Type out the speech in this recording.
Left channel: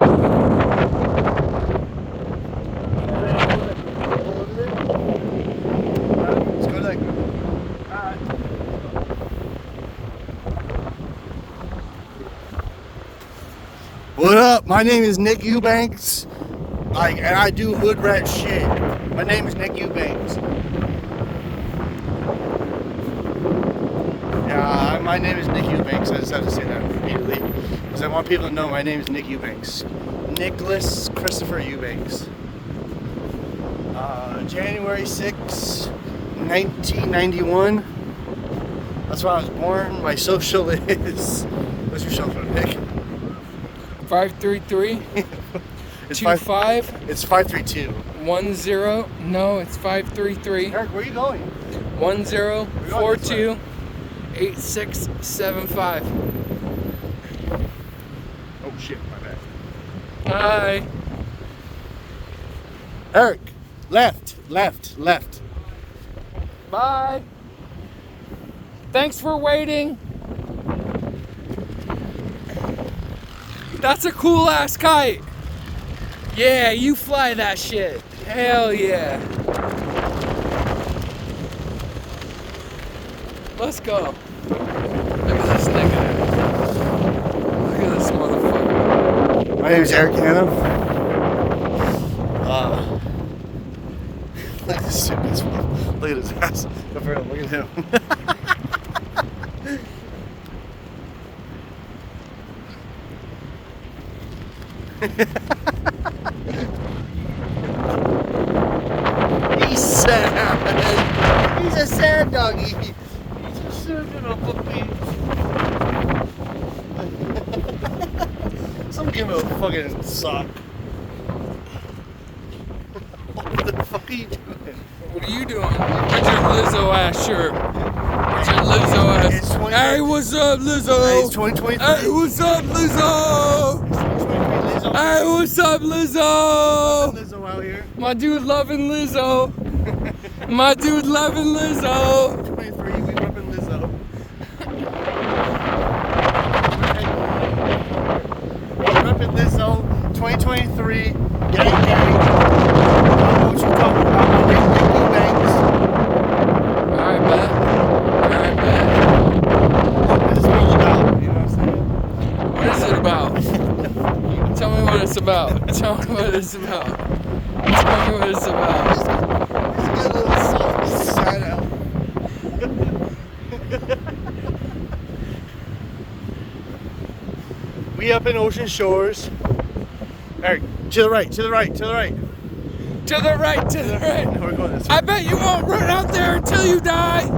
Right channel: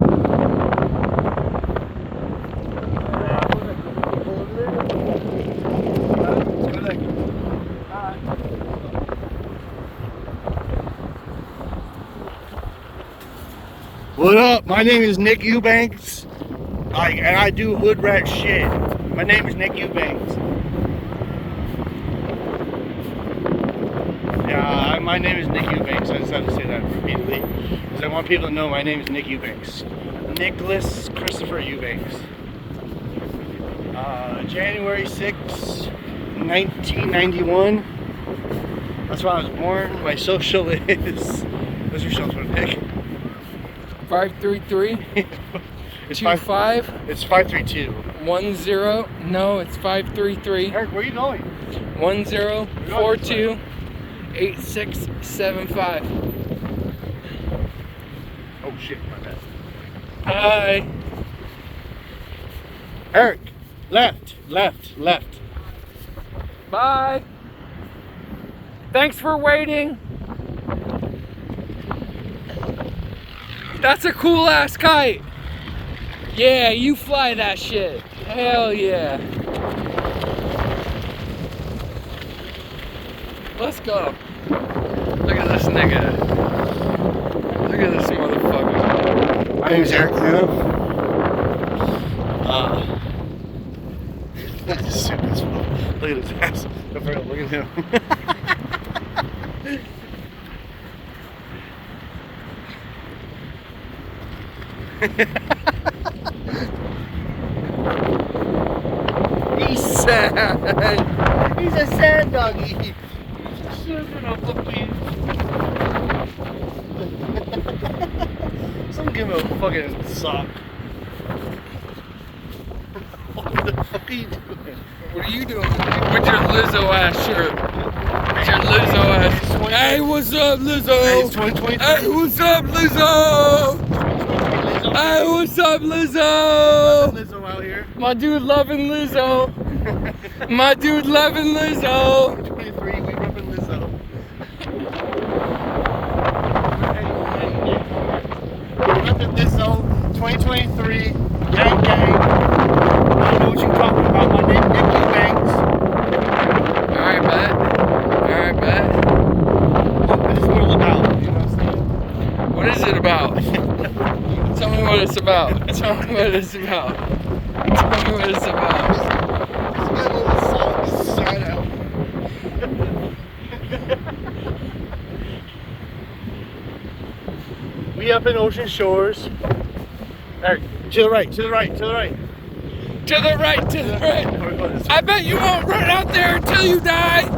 What up? My name is Nick Eubanks, and I do hood rat shit. My name is Nick Eubanks. Yeah, my name is Nick Eubanks. I just have to say that repeatedly because I want people to know my name is Nick Eubanks. Nicholas Christopher Eubanks. January 6, 1991. That's when I was born. My social is. What's your social, Nick? 533. It's 25. It's 532. 10. No, it's 533. Eric, where are you going? 1042 8675. Oh shit, my bad. Hi. Eric, left. Bye. Thanks for waiting. That's a cool ass kite. Yeah, you fly that shit. Hell yeah. Let's go. Look at this nigga. Look at this motherfucker. My name is Eric, you know? Look at this stupid as fuck. Look at his ass. Go for it, look at him. He's sad. He's a sad doggy. He's a sad little puppy. Someone give him a fucking sock. What the fuck are you doing? What are you doing? With your Lizzo ass shirt. With your Lizzo ass. Hey, what's up, Lizzo? Hey, it's 2023. Hey, what's up, Lizzo? Hey, what's up, Lizzo? Lizzo out here. My dude loving Lizzo. My dude loving Lizzo. 23, we loving Lizzo. Loving Lizzo, 2023, gang. What you talking about? My name's Nick Eubanks. Alright, bet. What is this world about? You know what I'm saying? What is it about? Tell me what it's about. Tell me what it's about. Tell me what it's about. This little side out. We up in Ocean Shores. Eric, to the right. To the right. We're going this way. I bet you won't run out there until you die.